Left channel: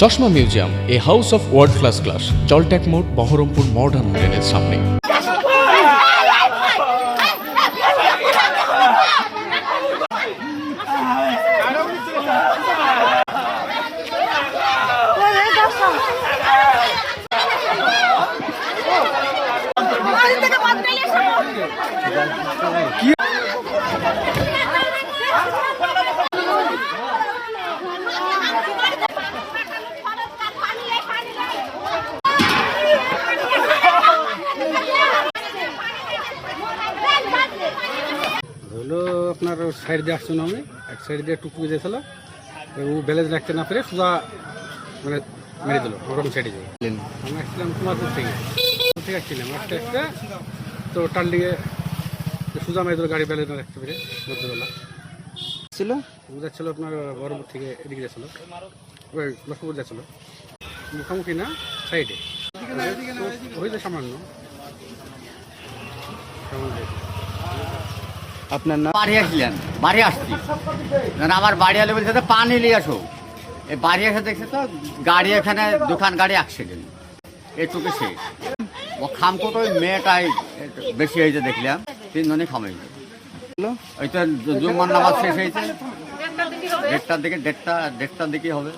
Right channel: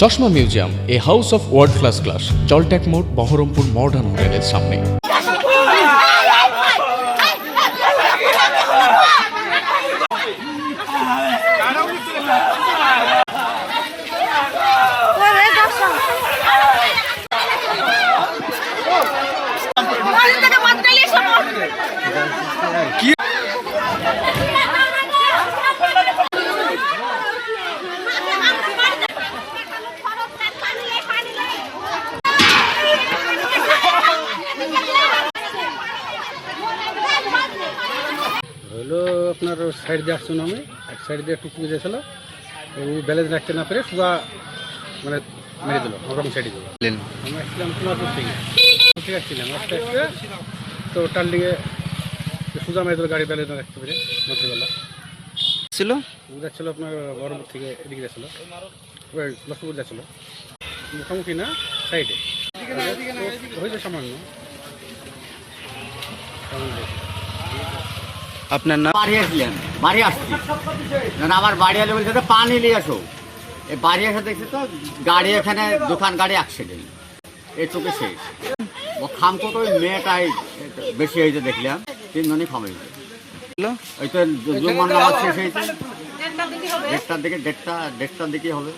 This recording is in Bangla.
চশমা museum, a house of world class, জলট্যাক মোড়, বহরমপুর মডার্ন হোটেলের সামনে। হলো আপনার সাইড দিয়ে আসছো আমি এক সাইড দিয়ে টুকটুকি দিয়েছিল ও ব্যালেন্স রাখতে না পেরে সোজা মানে মেরে দিল ওরকম সাইডে দিল। আমি আসছিলাম কুমারপুর থেকে আসছিলাম আস্তে আস্তে তো ওটার দিকে সোজা মেরে দিল গাড়ি ব্যালেন্স রাখতে পেরে মধ্যবেলা ছিল যাচ্ছিল আপনার বহরমপুর থেকে এদিকে যাচ্ছিল ওই লক্ষ্মীপুর যাচ্ছিল মুখোমুখি না সাইডে হয়েছে সামান্য। আপনার নাম? বাড়ি আসলেন, বাড়ি আসছি আমার বাড়ি আলে বলছে তো পানি নিয়ে আসো। এই বাড়ি এসে দেখছি তো গাড়ি এখানে দোকান গাড়ি অ্যাক্সিডেন্ট এটুকু শেষ। ও খামকোট ওই মেয়েটাই বেশি হয়েছে দেখলাম, তিনজনই খাম হয়েছে। ওই তো জুম্মার নামাজ শেষ হয়েছে দেড়টার দিকে হবে।